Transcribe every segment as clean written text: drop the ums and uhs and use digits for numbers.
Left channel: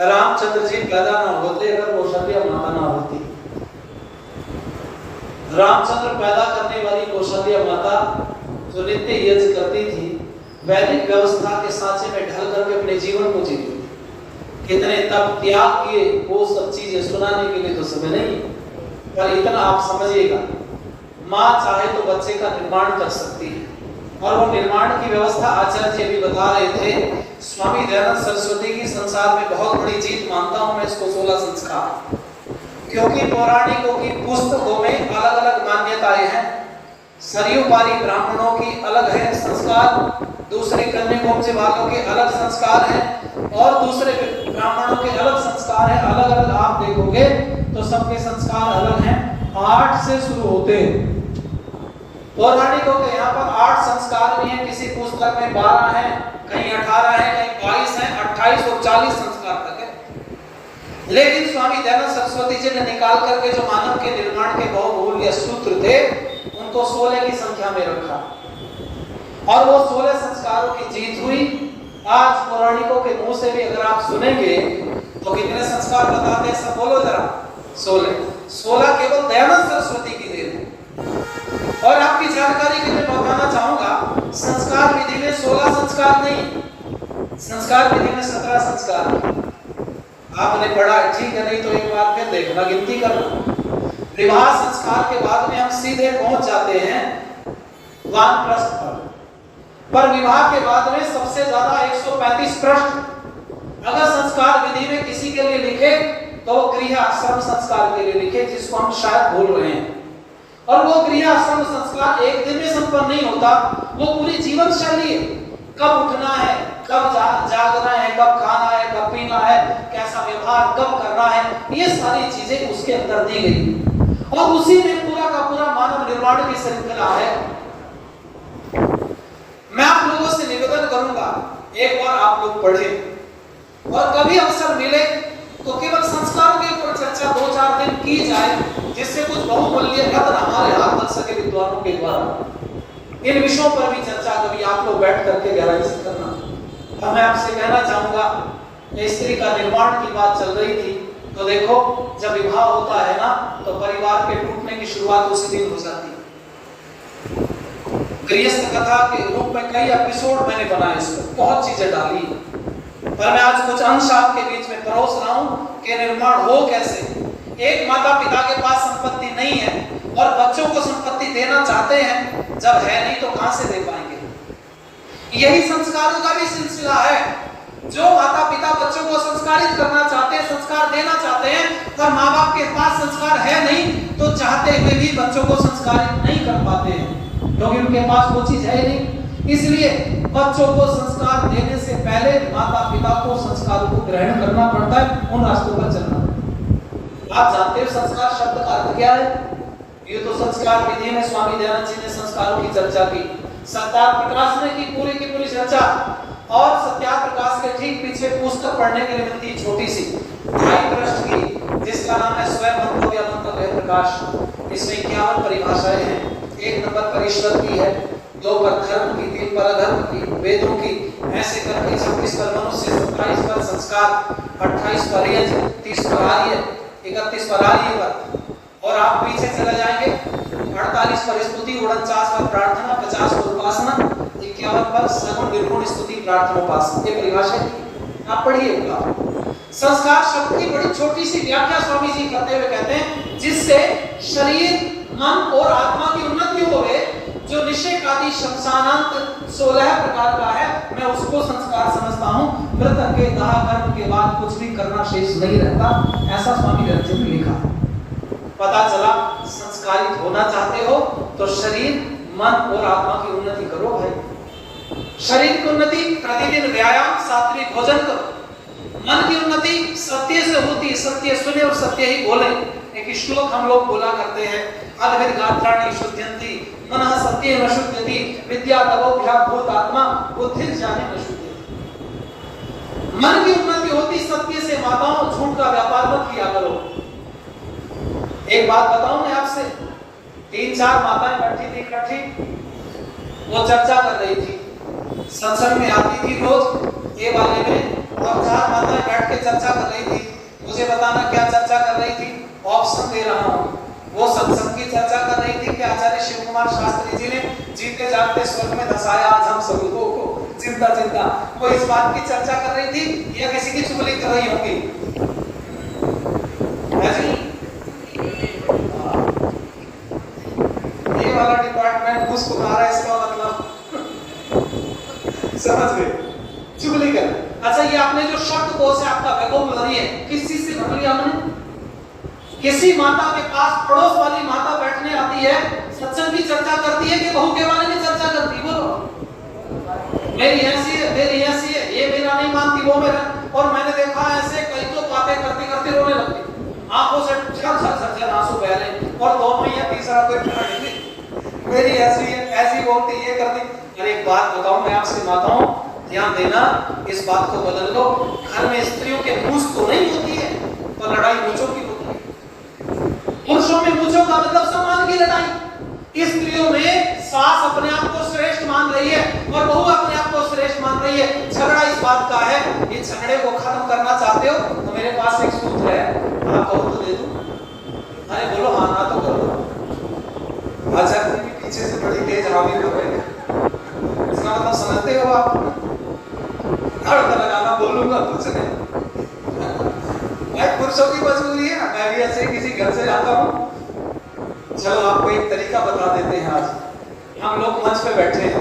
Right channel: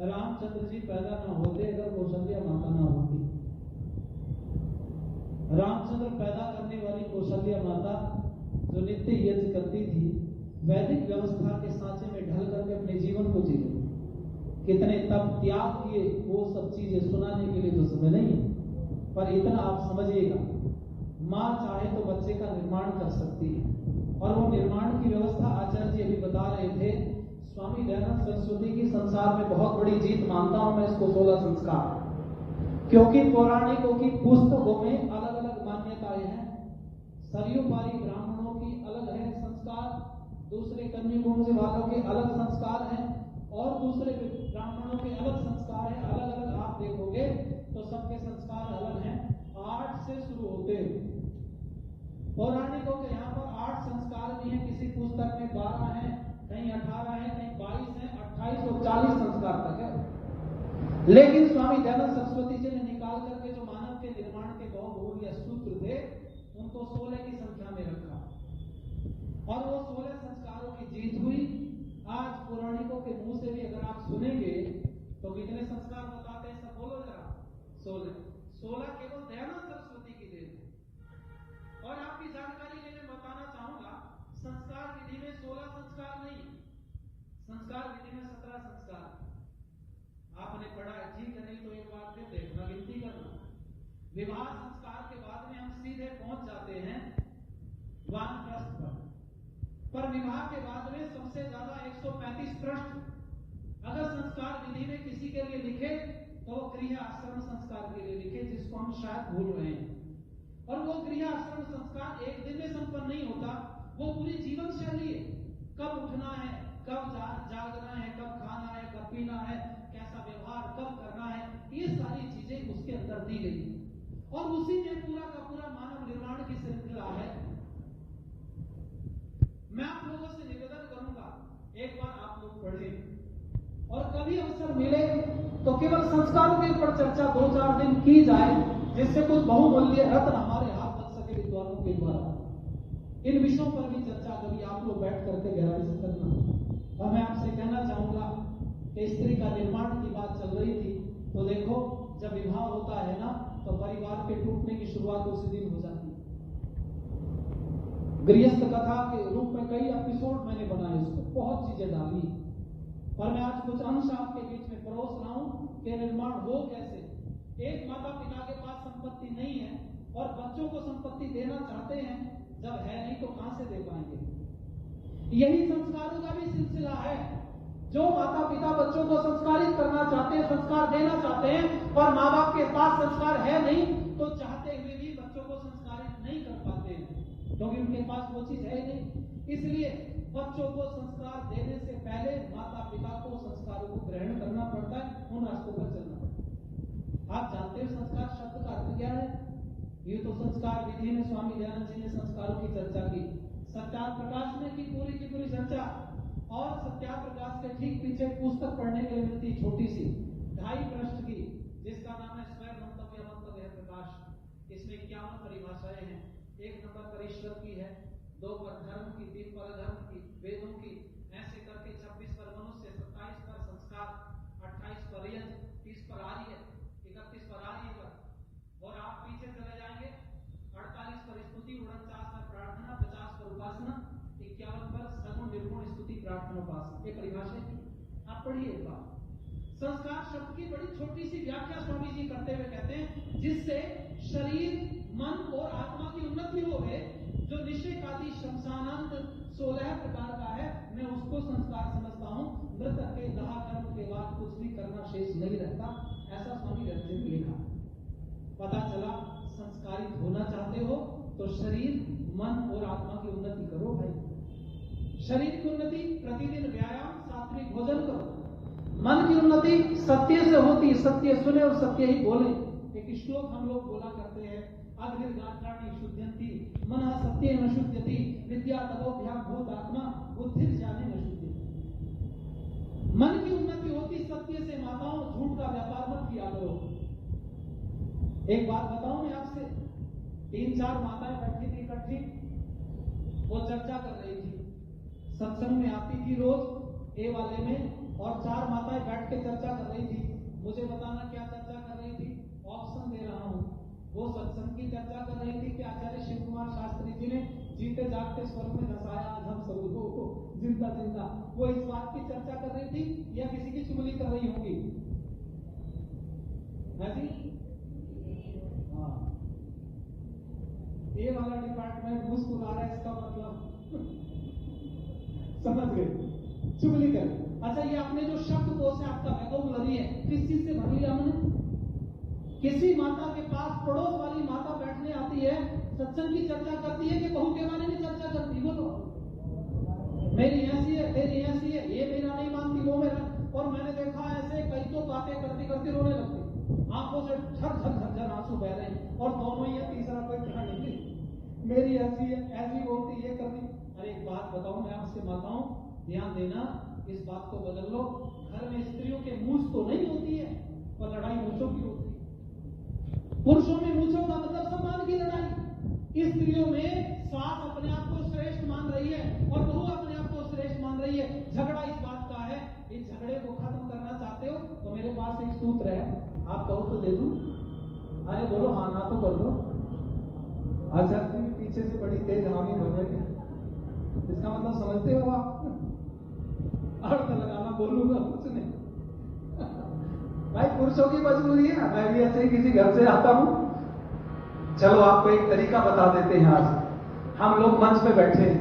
रामचंद्र जी पैदा ना होते अगर कौशल्या माता ना होती। रामचंद्र पैदा करने वाली कौशल्या माता जो नित्य यज्ञ करती थी, वैदिक व्यवस्था के सांचे में ढल करके अपने जीवन को जीती थी। कितने तप त्याग किए, वो सब चीजें सुनाने के लिए तो समय नहीं, पर इतना आप समझिएगा, माँ चाहे तो बच्चे का निर्माण कर सकती है, और वो निर्माण की व्यवस्था आचार्य जी अभी बता रहे थे। स्वामी दयानंद सरस्वती की संसार में बहुत बड़ी जीत मानता हूं मैं इसको 16 संस्कार, क्योंकि पौराणिकों की पुस्तकों में अलग अलग मान्यताएं हैं। सरयुपारी ब्राह्मणों की अलग है संस्कार, दूसरे कन्याकुब्ज वालों के अलग संस्कार हैं, और दूसरे ब्राह्मणों के अलग संस्कार है। अलग अलग आप देखोगे तो सबके संस्कार अलग हैं। 8 से शुरू होते हैं। पौराणिकों के यहाँ पर 8 संस्कार भी हैं, किसी पुस्तक में 12 हैं, कहीं 18 हैं, कहीं 22 हैं, 28 और 40 संस्कार तक है। लेकिन स्वामी दयानंद सरस्वती जी ने निकाल करके जो मानव के निर्माण के बहुमूल्य सूत्र थे, उनको 16 की संख्या में रखा, और वो 16 संस्कारों की जीत हुई। आज पौराणिकों के मुंह से भी अगर आप सुनेंगे तो कितने संस्कार बताते हैं, सब बोलो जरा। 16 केवल दयानंद सरस्वती की देन है। और आपकी जानकारी के लिए बताना चाहूंगा, संस्कार विधि में 16 संस्कार नहीं, संस्कार विधि में 17 संस्कार। आपने पढ़ा, ठीक है, नहीं तो एक बार फिर देखना, गिनती करना। विवाह संस्कार के बाद में हम सीधे पहुंच जाते हैं वानप्रस्थ पर विवाह के बाद में सबसे ज्यादा 135 प्रश्न अगर संस्कार विधि में किसी के लिए लिखे तो गृहस्थाश्रम संस्कार के लिए लिखे, जिसको हम शायद भूल रहे हैं। और वो गृहस्थाश्रम संस्कार एक दिन में संपन्न नहीं होता, वो पूरी जीवन शैली है। कब उठना है, कब जागना है, कब खाना है, कब पीना है, कैसा व्यवहार कब करना है, ये सारी चीजें उसके अंदर दी गई, और उसी में पूरा का पूरा मानव निर्माण की श्रृंखला है। मैं आप लोगों से निवेदन करूंगा, एक बार आप लोग पढ़े, और कभी अवसर मिले तो केवल संस्कारों के ऊपर चर्चा 2-4 दिन की जाए, जिससे कुछ बहुमूल्य रत्न हमारे हाथ लग सके विद्वानों के द्वारा। इन विषयों पर भी चर्चा कभी आप लोग बैठ करके गहराई से करना। और मैं आपसे कहना चाहूंगा, स्त्री का निर्माण की बात चल रही थी, तो देखो जब विवाह होता है ना, तो परिवार के टूटने की शुरुआत उसी दिन हो जाती है। गृहस्थ कथा के रूप में कई एपिसोड मैंने बनाए, इस पर बहुत चीजें डाली, पर मैं आज कुछ अंश आपके बीच में परोस रहा हूं कि निर्माण हो कैसे। एक माता पिता के पास संपत्ति नहीं है और बच्चों को संपत्ति देना चाहते हैं, जब है नहीं तो कहां से दे पाएंगे। यही संस्कारों का भी सिलसिला है। जो माता पिता बच्चों को संस्कारित करना चाहते हैं, संस्कार देना चाहते हैं, और माँ बाप के पास संस्कार है नहीं, तो चाहते हुए भी बच्चों को संस्कारित नहीं कर पाते हैं, क्योंकि उनके पास वो चीज है नहीं। इसलिए बच्चों को संस्कार देने से पहले माता पिता को संस्कारों को ग्रहण करना पड़ता है, उन रास्तों पर चलना पड़ता है। आप जानते हो संस्कार शब्द का अर्थ क्या है? ये तो संस्कार विधि में स्वामी दयानंद जी ने संस्कारों की चर्चा की, सत्यार्थ प्रकाश ने की पूरी चर्चा, और सत्यार्थ प्रकाश के ठीक पीछे पुस्तक पढ़ने के लिए मिलती छोटी सी 2.5 पृष्ठ की, जिसका नाम है स्वयं मंतव्य मंतव्य प्रकाश। इसमें 51 परिभाषाएं हैं। 1 नंबर पर ईश्वर की है, 2 पर धर्म की, 3 पर अधर्म की, वेदों की, ऐसे करके 26 पर मनुष्य, 27 पर संस्कार, 28 पर यज्ञ, 30 पर आर्य, 31 पर आर्य पर, और आप पीछे चले जाएंगे 48 पर स्तुति, 49 पर प्रार्थना, 50 पर उपासना, 51 पर सगुण निर्गुण स्तुति प्रार्थना उपासना। ये परिभाषा आप पढ़िएगा। संस्कार शब्द की बड़ी छोटी सी व्याख्या स्वामी जी करते हुए कहते हैं, जिससे शरीर, मन और आत्मा की उन्नति होवे, जो निषेक आदि शमशानांत 16 प्रकार का है, मैं उसको संस्कार समझता हूं। मृतक के दाह कर्म के बाद कुछ भी करना शेष नहीं रहता, ऐसा स्वामी दयानंद जी ने लिखा। पता चला संस्कारित होना चाहते हो तो शरीर, मन और आत्मा की उन्नति करो भाई। शरीर की उन्नति प्रतिदिन व्यायाम, सात्विक भोजन करो। मन की उन्नति सत्य से होती, सत्य सुने और सत्य ही बोले। एक श्लोक हम लोग बोला करते हैं, अद्भिर्गात्राणि शुद्ध्यन्ति मनः सत्येन शुद्ध्यति विद्या तपोभ्याम् भूतात्मा बुद्धिर्ज्ञानेन शुद्ध्यति। मन की उन्नति होती सत्य से। माताओं, झूठ का व्यापार मत किया करो। एक बात बताऊं मैं आपसे, 3-4 माताएं बैठी थी इकट्ठी, वो चर्चा कर रही थी, सत्संग में आती थी रोज ये वाले में, और 4 माताएं बैठ के चर्चा कर रही थी, मुझे बताना क्या चर्चा कर रही थी, ऑप्शन दे रहा हूँ। वो सत्संग की चर्चा कर रही थी कि आचार्य शिव कुमार शास्त्री जी ने जीते जागते स्वर्ग में धसाया आज हम सब लोगों को जिंदा जिंदा, वो इस बात की चर्चा कर रही थी या किसी की चुगली कर रही होगी? है जी? ये वाला डिपार्टमेंट मुस्कुरा रहा है, इसका मतलब समझ गए, चुगली कर। अच्छा, ये आपने जो शब्दकोश है आपका वोकैबुलरी है, किस चीज से भर लिया हमने? किसी माता के पास पड़ोस वाली माता बैठने आती है, सत्संग की चर्चा करती है कि बहू के बारे में चर्चा करती, बोलो मेरी ऐसी है, मेरी ऐसी है, ये मेरा नहीं मानती, वो मेरा। और मैंने देखा ऐसे कई तो बातें करते करते रोने लगती, आंखों से झर आंसू बह रहे, और दोनों या तीसरा कोई नहीं, मेरी ऐसी है, ऐसी बोलती, ये करती। अरे एक बात बताऊं मैं आपसे माताओं, ध्यान देना, इस बात को बदल लो। घर में स्त्रियों के मूंछ तो नहीं होती है, पर लड़ाई मूंछों की होती है। पुरुषों में मूंछों का मतलब सम्मान की लड़ाई, स्त्रियों में सास अपने आप को श्रेष्ठ मान रही है और बहू अपने आप को श्रेष्ठ मान रही है। झगड़ा इस बात का है, ये झगड़े को खत्म करना चाहते हो तो मेरे पास एक सूत्र है, आप कहो तो दे दूं? अरे बोलो हाँ ना तो करो। अच्छा, पीछे से बड़ी तेज हामी कर रहे हैं, इसका मतलब समझते हो आप? हड़का लगाना बोलूंगा कुछ नहीं, भाई पुरुषों की मजबूरी है, मैं भी ऐसे ही किसी घर से आता हूँ। चलो आपको एक तरीका बता देते हैं। आज हम लोग मंच पे बैठे हैं,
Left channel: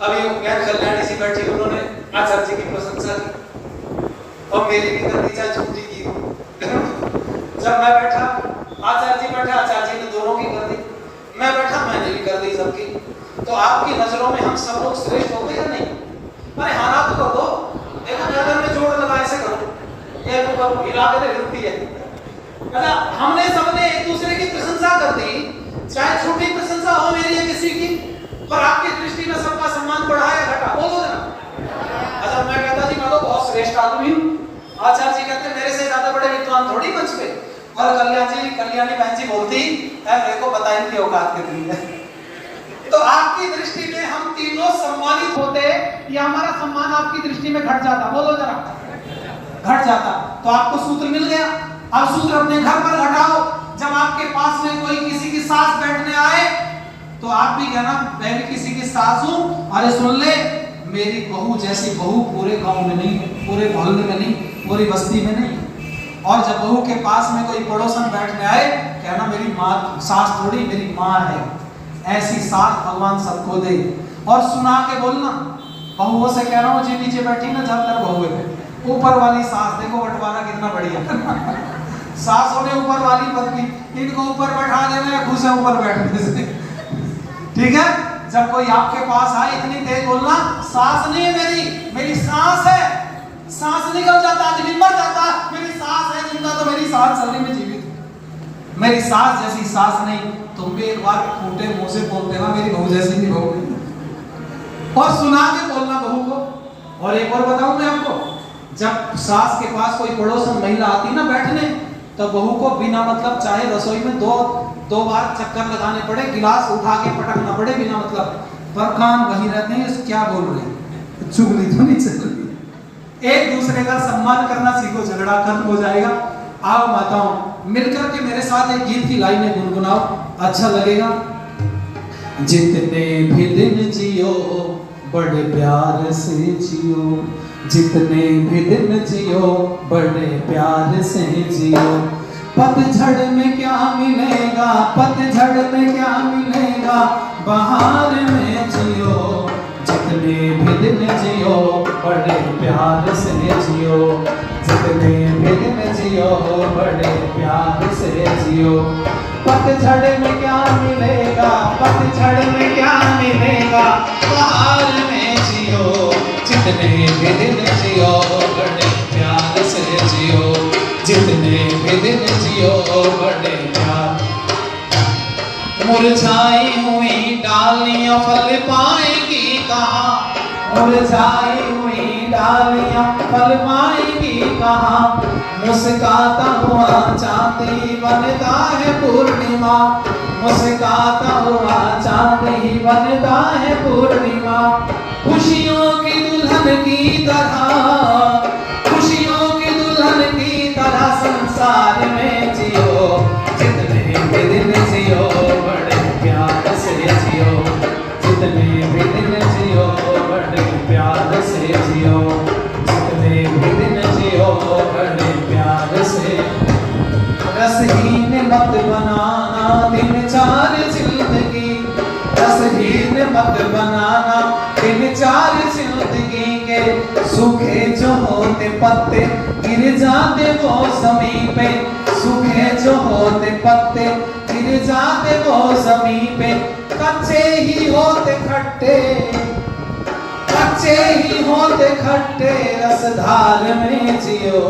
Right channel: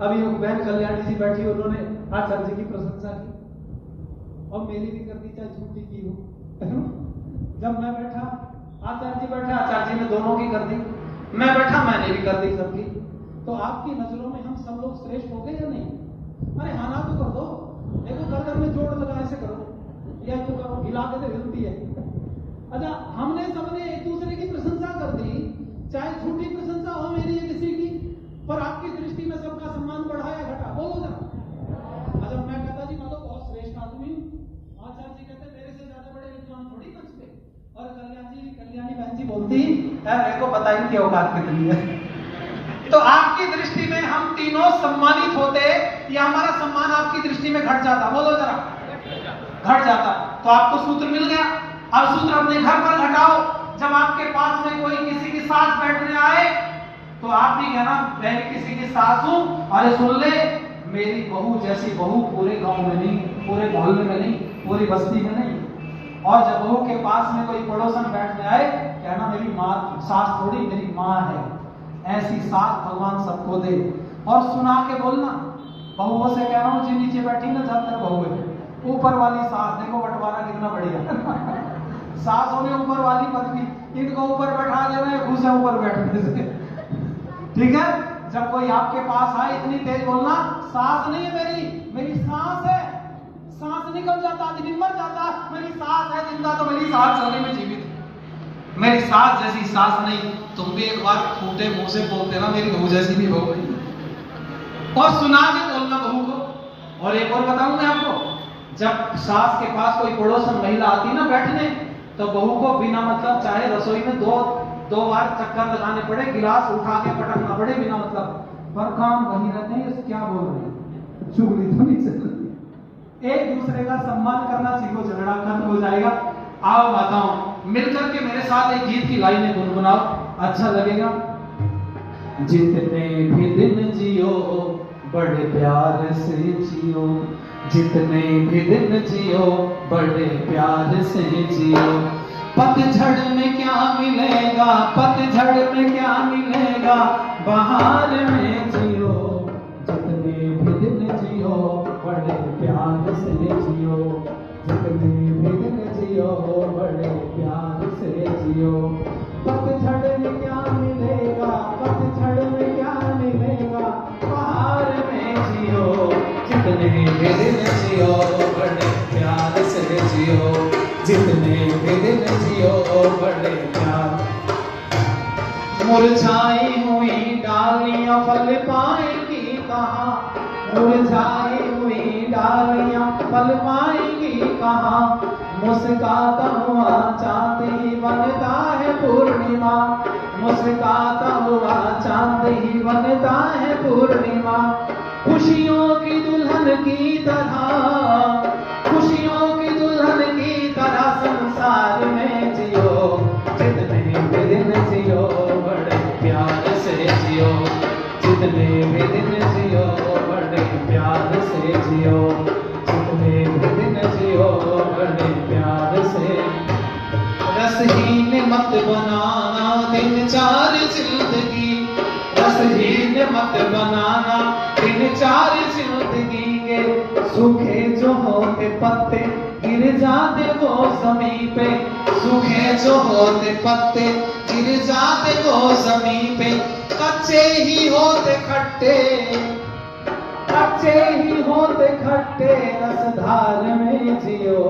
अभी बहन कल्याणी सी बैठी, उन्होंने आचार्य जी की प्रशंसा की और मेरी भी कर दी, चाहे छुट्टी की। जब मैं बैठा, आचार्य जी बैठे, आचार्य जी ने दोनों की कर दी, मैं बैठा, मैंने भी कर दी सबकी। तो आपकी नजरों में हम सब लोग श्रेष्ठ हो गए या नहीं? अरे हाँ ना तो कर दो, देखो गर्दन में जोड़ लगा, ऐसे करो, ये हिला के हिलती है। अच्छा, हमने सबने एक दूसरे की प्रशंसा कर दी, चाहे छोटी प्रशंसा हो मेरी या किसी की, और आपकी दृष्टि में सबका सम्मान बढ़ा या घटा, बोलो जरा। अच्छा, मैं कहता जी मैं तो बहुत श्रेष्ठ आदमी हूँ, आचार्य जी कहते मेरे से ज्यादा बड़े विद्वान थोड़ी मंच पे, और कल्याणी बहन जी बोलती है मेरे को पता ही नहीं औकात कितनी है। तो आपकी दृष्टि में हम तीनों सम्मानित होते या हमारा सम्मान आपकी दृष्टि में घट जाता, बोलो जरा, घट जाता। तो आपको सूत्र मिल गया। अब सूत्र अपने घर पर घटाओ, जब आपके पास में कोई किसी की सास बैठने आए तो आप भी कहना मैं किसी की सास हूं, अरे सुन ले मेरी बहू जैसी बहू पूरे गांव में नहीं, पूरे मोहल्ले में नहीं, पूरी बस्ती में नहीं। और जब बहू के पास में कोई पड़ोसन बैठने आए, कहना मेरी माँ सास थोड़ी, मेरी माँ है, ऐसी सास भगवान सबको दे। और सुना के बोलना, बहुओं से कह रहा हूँ जी नीचे बैठी ना, जब तक बहू है, ऊपर वाली सास देखो बंटवारा कितना बढ़िया। सास होने ऊपर वाली पत्नी, इनको ऊपर बैठा देना या खुद से ऊपर बैठने से, ठीक है। जब कोई आपके पास आए इतनी तेज बोलना, सास नहीं है मेरी, मेरी सास है। सांस निकल जाता, आदमी मर जाता, मेरी सास है जिंदा तो मेरी सास सल्ले में जीवित, मेरी सास जैसी सास नहीं। तुम भी एक बार फूटे मुंह से बोलते ना मेरी बहू जैसी भी बहू नहीं, और सुना के बोलना बहू को। और एक और बताऊं मैं आपको, जब सास के पास कोई पड़ोसन महिला आती ना बैठने, तो बहू को बिना मतलब चाहे रसोई में दो बार चक्कर लगाने पड़े, गिलास उठा के पटकना पड़े बिना मतलब, पर कान वही रहते हैं क्या बोल रहे हैं, चुगली तो नहीं चल रही। एक दूसरे का सम्मान करना सीखो, झगड़ा खत्म हो जाएगा। आओ माताओं मिलकर के मेरे साथ एक गीत की लाइनें गुनगुनाओ, अच्छा लगेगा। जितने भी दिन जियो बड़े प्यार से जियो, जितने भी दिन जियो बड़े प्यार से जियो। पतझड़ में क्या मिलेगा, पतझड़ में क्या मिलेगा, बहार में जियो। जितने भी दिन जियो बड़े प्यार से जियो, जितने भी दिन जियो बड़े प्यार से जियो। पतझड़ में क्या मिलेगा, पतझड़ में क्या मिलेगा, बहार में जियो। जितने भी दिन जियो बड़े प्यार से जियो, जितने भी दिन जियो बड़े प्यार। मुरझाई हुई डालियां फल पाएगी कहाँ, मुरझाई हुई डालियां फल पाएगी कहाँ। मुस्काता हुआ चांद ही बनता है पूर्णिमा, मुस्काता हुआ चांद ही बनता है पूर्णिमा। खुशियों की दुल्हन की तरह, खुशियों की जितने भी दिन जियो बड़े प्यार से। रसहीन मत बनाना दिन चार जिंदगी, रसहीन मत बनाना दिन चार जिंदगी के। सूखे जो होते पत्ते गिर जाते वो ज़मीं पे, सूखे जो होते पत्ते गिर जाते वो ज़मीं पे। कच्चे ही होते खट्टे, कच्चे ही होते खट्टे, रसधार में जियो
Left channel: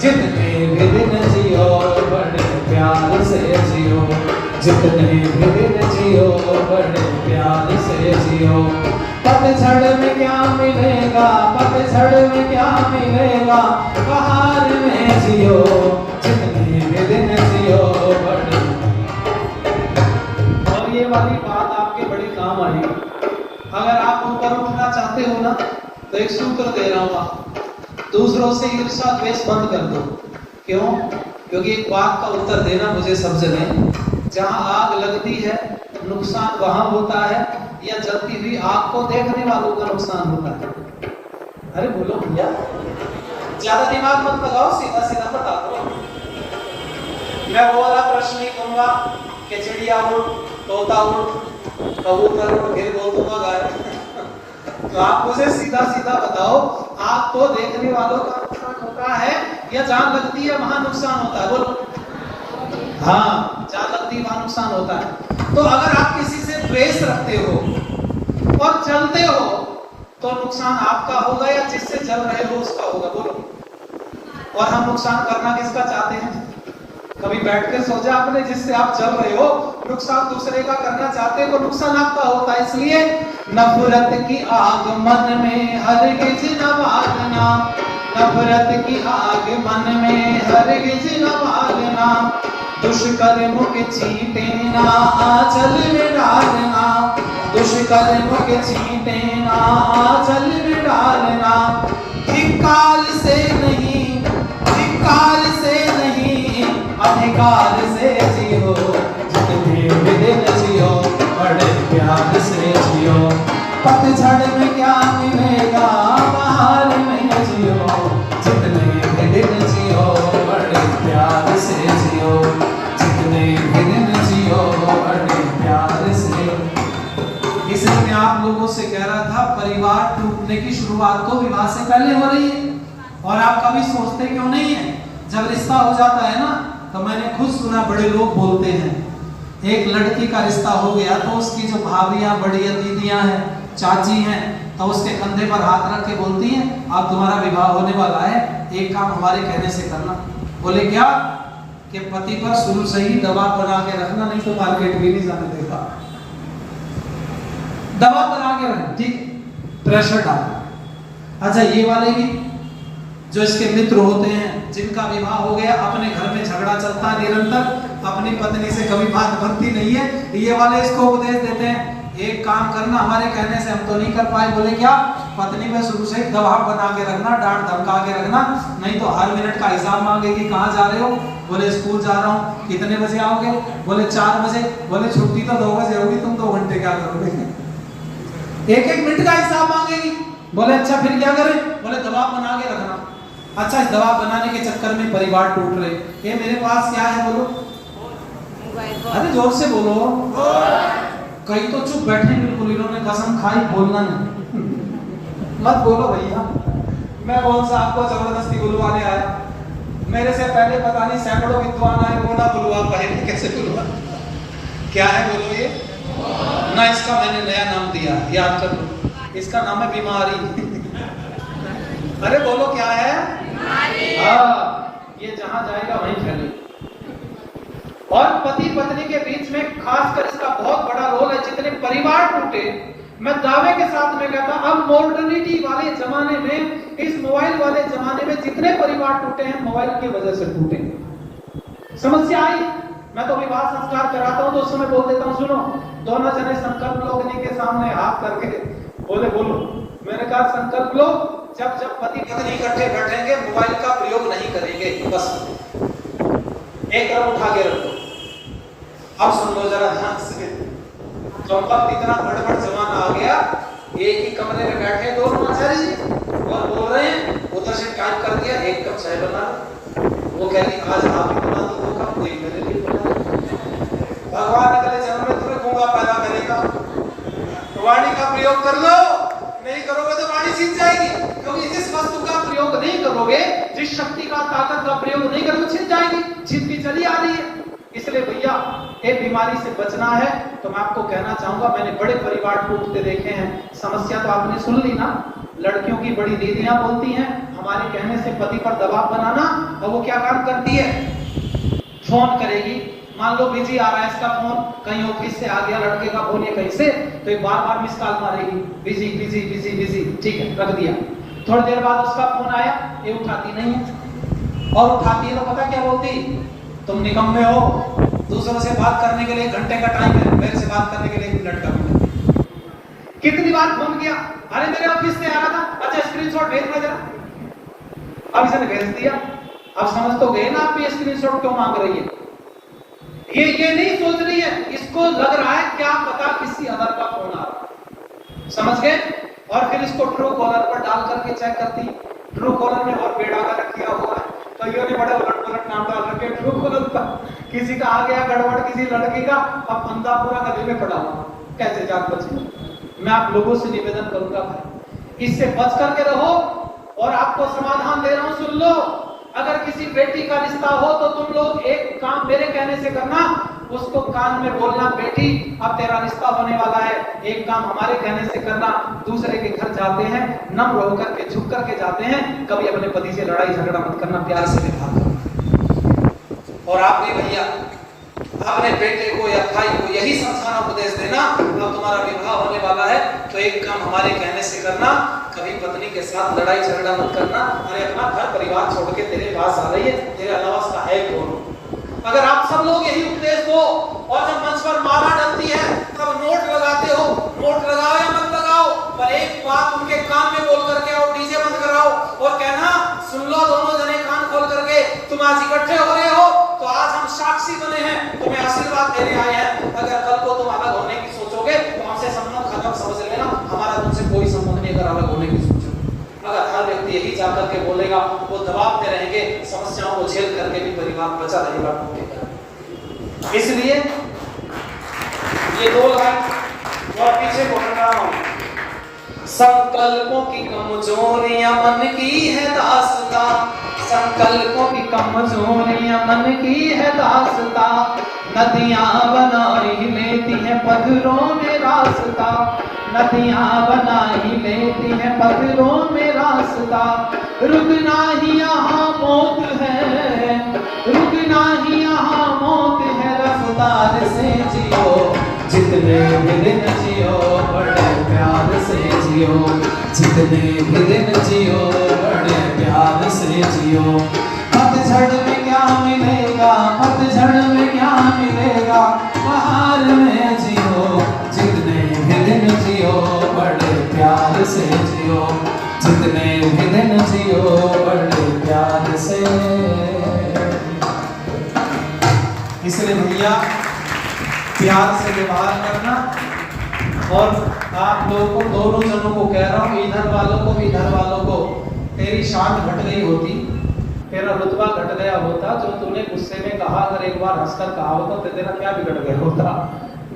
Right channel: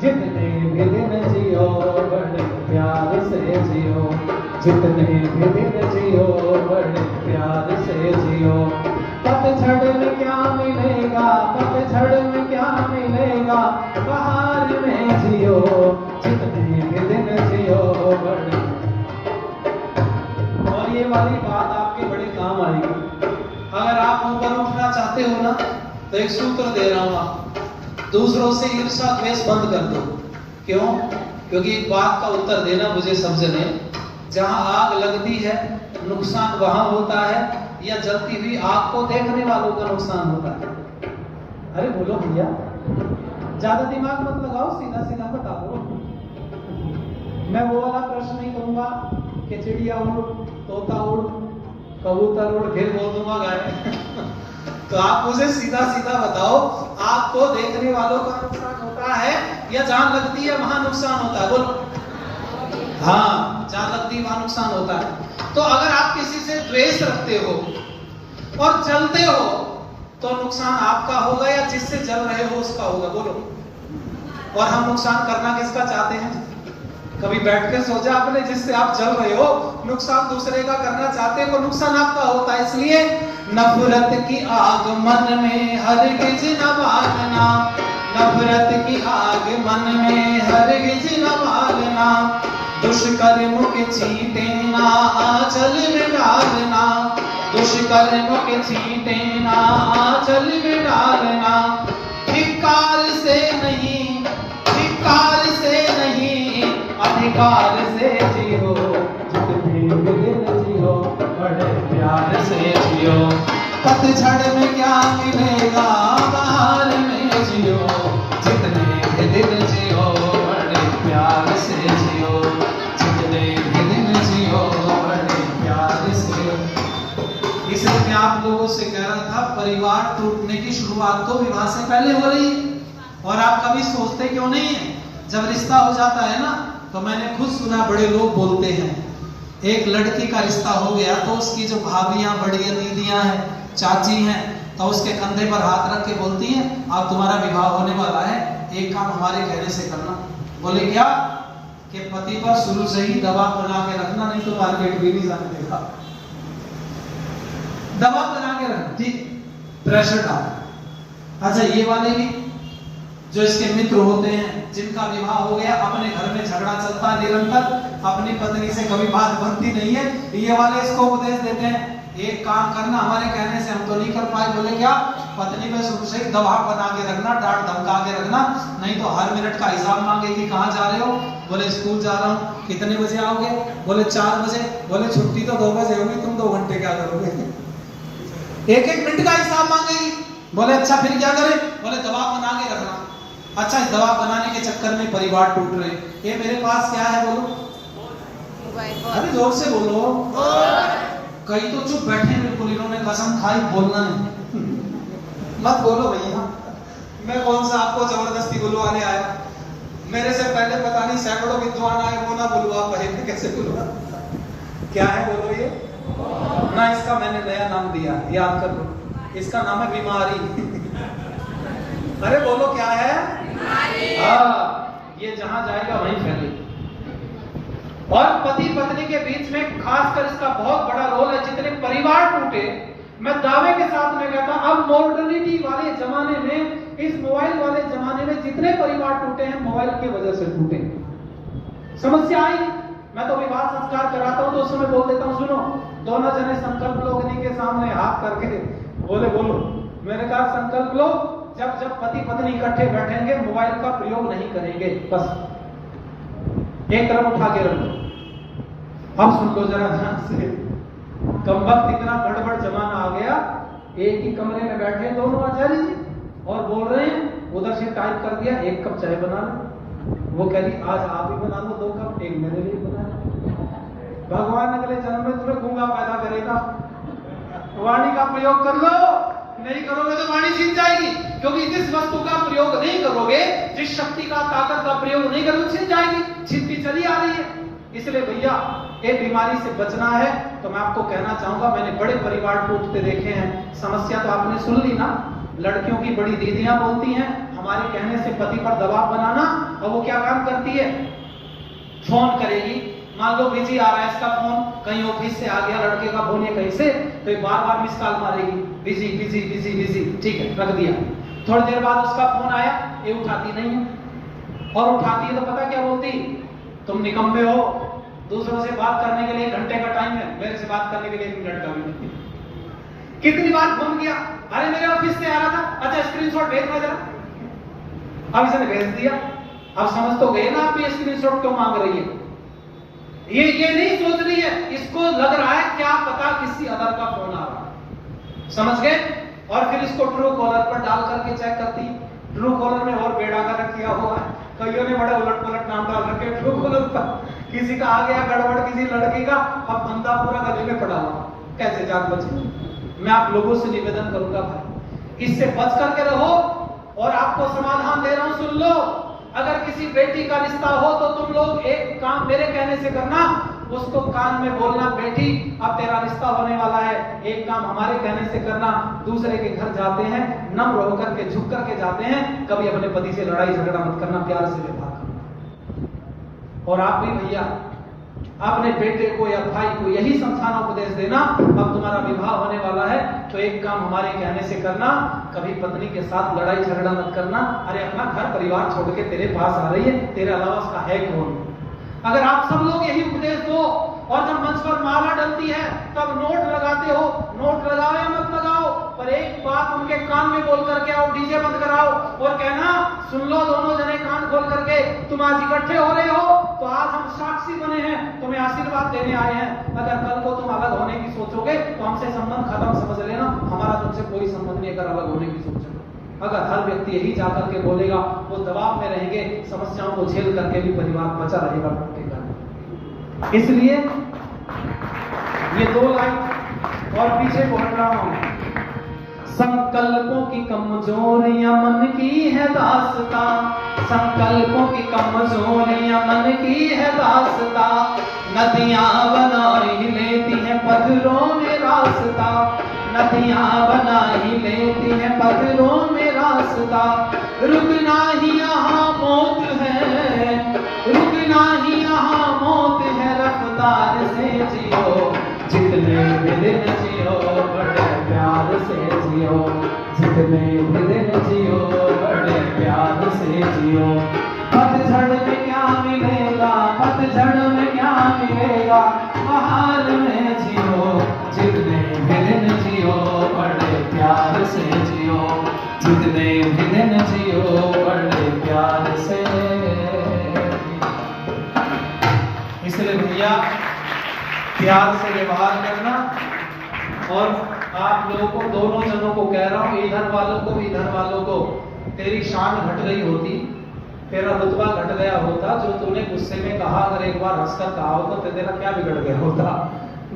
जितने भी दिन जियो बड़े प्यार से जियो, जितने भी दिन जियो बड़े प्यार से जियो। पतझड़ में क्या मिलेगा, पतझड़ में क्या मिलेगा, बहार में जियो जितने भी दिन जियो बड़े। और ये वाली बात आपके बड़े काम आएगी। अगर आप ऊपर उठना चाहते हो ना तो एक सूत्र दे रहा हूं, दूसरों से ईर्ष्या द्वेष बंद कर दो। क्यों? क्योंकि एक बात का उत्तर देना मुझे समझने, जहां आग लगती है नुकसान वहां होता है या जलती हुई आग को देखने वालों का नुकसान होता है? अरे बोलो भैया, ज्यादा दिमाग मत लगाओ, सीधा सीधा बता दो। मैं वो वाला प्रश्न नहीं कहूंगा कि चिड़िया उड़, तोता उड़, कबूतर उड़, फिर बोल दूंगा गाय। तो आप मुझे सीधा सीधा बताओ, आग को देखने वालों का नुकसान होता है या जहां लगती है वहां नुकसान होता है? बोलो। हाँ, जहां लगती है वहां नुकसान होता है। तो अगर आप किसी से द्वेष रखते हो और जलते हो तो नुकसान आपका होगा या जिससे जल रहे हो उसका होगा? बोलो। और हम नुकसान करना किसका चाहते हैं? कभी बैठ कर सोचा आपने, जिससे आप चल रहे हो नुकसान दूसरे का करना चाहते हो, नुकसान आपका होता है। इसलिए नफरत की आग मन में हरगिज न बालना, नफरत की आग मन में हरगिज न बालना। दुष्कर्म के चींटे ना आंचल में डालना, दुष्कर्म के चींटे ना आंचल में डालना। धिक्कार से नहीं, धिक्कार से नहीं, अधिकार से जियो जितने भी दिन जियो बड़े प्यार से जियो। पतझड़ में क्या मिलेगा, बहार में जियो जितने भी दिन जियो बड़े प्यार से जियो, जितने भी दिन जियो बड़े प्यार से। इसलिए मैं आप लोगों से कह रहा था, परिवार टूटने की शुरुआत तो विवाह से पहले हो रही है। और आप कभी सोचते क्यों नहीं है? जब रिश्ता हो जाता है ना, तो मैंने खुद सुना, बड़े लोग बोलते हैं, एक लड़की का रिश्ता हो गया तो उसकी जो भाभियां, बड़ियां, दीदियां हैं, चाची हैं, तो उसके कंधे पर हाथ रख के बोलती हैं, अब तुम्हारा विवाह होने वाला है, एक काम हमारे कहने से करना। बोले क्या? कि पति पर शुरू से ही दबाव बना के रखना, नहीं तो मार्केट भी नहीं जाने देगा। दबाव बना के रखना, ठीक, प्रेशर डाल। अच्छा, ये वाले भी जो इसके मित्र होते हैं, जिनका विवाह हो गया, अपने घर में झगड़ा चलता है निरंतर, अपनी पत्नी से कभी बात बनती नहीं है, ये वाले इसको उपदेश देते हैं, एक काम करना, हमारे कहने से हम तो नहीं कर पाए। बोले क्या? पत्नी पे शुरू से दबाव बना के रखना, डांट धमका के रखना, नहीं तो हर मिनट का हिसाब मांगेगी, कहाँ जा रहे हो? बोले स्कूल जा रहा हूँ। कितने बजे आओगे? बोले 4 बजे। बोले छुट्टी तो 2 बजे होगी, तुम 2 घंटे क्या करोगे? एक एक मिनट का हिसाब मांगेगी। बोले अच्छा फिर क्या करें? बोले दबाव बना के रखना। अच्छा, इस दबाव बनाने के चक्कर में परिवार टूट रहे। ये मेरे पास क्या है? बोलो, अरे जोर से बोलो। कई तो चुप बैठे बिल्कुल, इन्होंने कसम खाई बोलना नहीं। मत बोलो भैया, मैं कौन सा आपको जबरदस्ती बुलवाने आया? मेरे से पहले पता नहीं सैकड़ों विद्वान आए, वो ना बुलवा पाए, कैसे बुलवा? क्या है बोलो ये? ना, इसका मैंने नया नाम दिया, याद कर लो, इसका नाम है बीमारी। अरे बोलो क्या है? हाँ, ये जहां जाएगा वहीं फैलेगा। और पति पत्नी के बीच में खासकर इसका बहुत बड़ा रोल है। जितने परिवार टूटे, मैं दावे के साथ में कहता, अब मॉडर्निटी वाले जमाने में, इस मोबाइल वाले जमाने में जितने परिवार टूटे हैं, मोबाइल की वजह से टूटे। समस्या आई, मैं तो विवाह संस्कार कराता हूं तो उस समय बोल देता हूं, सुनो, दोनों जने संकल्प लो अग्नि के सामने हाथ करके, बोले बोलो। मैंने कहा संकल्प लो, जब जब पति पत्नी इकट्ठे बैठेंगे मोबाइल का प्रयोग नहीं करेंगे, बस एक कदम उठा के रखो। अब सुन लो जरा ध्यान से, कम वक्त इतना गड़बड़ जमाना आ गया, एक ही कमरे में बैठे दोनों आचार्य जी और बोल रहे हैं उधर से टाइप कर दिया 1 कप चाय बना लो। वो कह रही आज आप ही बना दो 2 कप, 1 मेरे लिए बना दो। भगवान अगले जन्म में तुम्हें गूंगा पैदा करेगा। वाणी का प्रयोग कर लो, नहीं करोगे तो वाणी छीन जाएगी। क्योंकि जिस वस्तु का प्रयोग नहीं करोगे, जिस शक्ति का ताकत का प्रयोग नहीं करोगे, छीन जाएगी। छीनती चली आ रही है। इसलिए भैया एक बीमारी से बचना है तो मैं आपको कहना चाहूंगा, मैंने बड़े परिवार टूटते देखे हैं। समस्या तो आपने सुन ली ना, लड़कियों की बड़ी दीदियां बोलती हैं हमारे कहने से पति पर दबाव बनाना, और वो क्या काम करती है, फोन करेगी। मान लो बिजी आ रहा है इसका फोन, कहीं ऑफिस से आ गया लड़के का फोन या कहीं से, तो ये बार-बार मिस कॉल मारेगी, बिजी बिजी बिजी बिजी, ठीक है रख दिया। थोड़ी देर बाद उसका फोन आया, ये उठाती नहीं है, और उठाती है तो पता क्या बोलती, तुम निकम्मे हो, दूसरों से बात करने के लिए 1 घंटे का टाइम है, मेरे से बात करने के लिए 1 मिनट का भी नहीं। कितनी बार फोन किया, अरे मेरे ऑफिस से आ रहा था, अच्छा स्क्रीनशॉट भेजना जरा। अब इसने भेज दिया। अब समझ तो गए ना आप ये स्क्रीनशॉट क्यों मांग रही है। ये नहीं सोच रही है, इसको लग रहा है क्या पता किसी अदर का फोन आ रहा है, समझ गए। और फिर इसको ट्रू कॉलर पर डाल करके चेक करती है। ट्रू कॉलर में और बेड़ा का किया हुआ है, कईयों ने बड़े उलट पुलट नाम डाल रखे ट्रू कॉलर पर। किसी का आ गया गड़बड़ किसी लड़की का, अब बंदा पूरा गले में पड़ा हुआ, कैसे जान बचे। मैं आप लोगों से निवेदन करूंगा भाई, इससे बच करके रहो। और आपको समाधान दे रहा हूं, सुन लो। अगर किसी बेटी का रिश्ता हो तो तुम लोग एक काम मेरे कहने से करना, उसको कान में बोलना, बेटी अब तेरा रिश्ता होने वाला है, एक काम हमारे कहने से करना। दूसरे के घर जाते हैं, नम्र होकर के झुक करके जाते हैं, कभी अपने पति से लड़ाई झगड़ा मत करना, प्यार से व्यवहार करना। और आप भी भैया अपने बेटे को या भाई को यही समझाना, उपदेश देना, अब तुम्हारा विवाह होने वाला है तो एक काम हमारे कहने से करना, कभी पत्नी के साथ लड़ाई झगड़ा मत करना। अरे अपना घर परिवार छोड़ के तेरे पास आ रही है, तेरे अलावा उसका है कौन। अगर आप सब लोग यही उपदेश दो, और जब मंच पर माला डलती है तब नोट लगाते हो, नोट लगाओ या मत लगाओ, पर एक बात उनके कान में बोल करके आओ, डीजे बंद कराओ और कहना सुन लो दोनों जने कान खोल करके, तुम आज इकट्ठे हो रहे हो तो आज हम साक्षी बने हैं, तुम्हें आशीर्वाद देने आए हैं। अगर कल को तुम अलग होने की सोचोगे तो हमसे संबंध खत्म, समझ लेना, हमारा तुमसे कोई संबंध नहीं अगर अलग होने की सोचोगे। अगर हर व्यक्ति यही जाकर के बोलेगा, वो दबाव में रहेंगे, समस्याओं को झेल करके भी परिवार बचा रहेगा। इसलिए ये 2 लाइन और पीछे बोल रहा हूं, संकल्पों की कमजोरियां मन की है दास्ता, संकल्पों की कमजोरियां मन की है दास्ता, नदियां बना ही लेती हैं पत्थरों में रास्ता, नदियां बना ही लेती हैं पत्थरों में रास्ता, रुकना ही यहाँ मौत है, रुकना ही यहाँ मौत है, रफ्तार से जियो, जितने भी दिन जियो बड़े प्यार से जियो, जितने भी दिन जियो बड़े प्यार से जियो। पतझड़ में क्या मिलेगा, पतझड़ में क्या मिलेगा, बहार में जियो, जितने भी दिन जियो बड़े प्यार से जियो, जितने भी दिन जियो बड़े प्यार से। इसलिए भैया प्यार से व्यवहार करना। और आप लोगों को, दोनों जनों को कह रहा हूँ, इधर वालों को भी इधर वालों को, तेरी शान घट गई होती, तेरा रुतबा घट गया होता, जो तूने गुस्से में कहा, अगर एक बार हंसकर कहा होता तो तेरा क्या बिगड़ गया होता।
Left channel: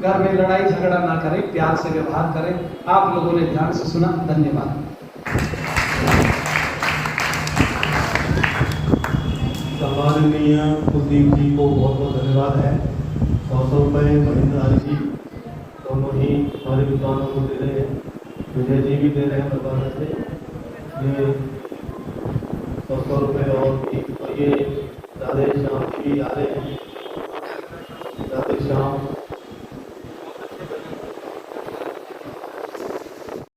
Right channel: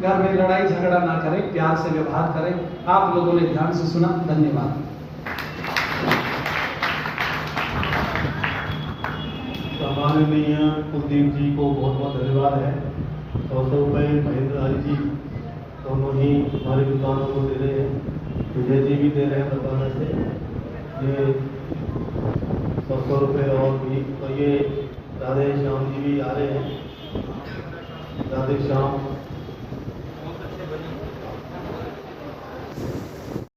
घर में लड़ाई झगड़ा ना करें, प्यार से व्यवहार करें। आप लोगों ने ध्यान से सुना, धन्यवाद। माननीय कुलदीप जी को बहुत बहुत धन्यवाद है। 100 रुपये महेंद्र हरि जी दोनों ही हमारे विद्वानों को दे रहे हैं, विजय जी भी दे रहे हैं बताने से, ये 100 रुपये और ये राधे श्याम जी भी आ रहे हैं। राधे श्याम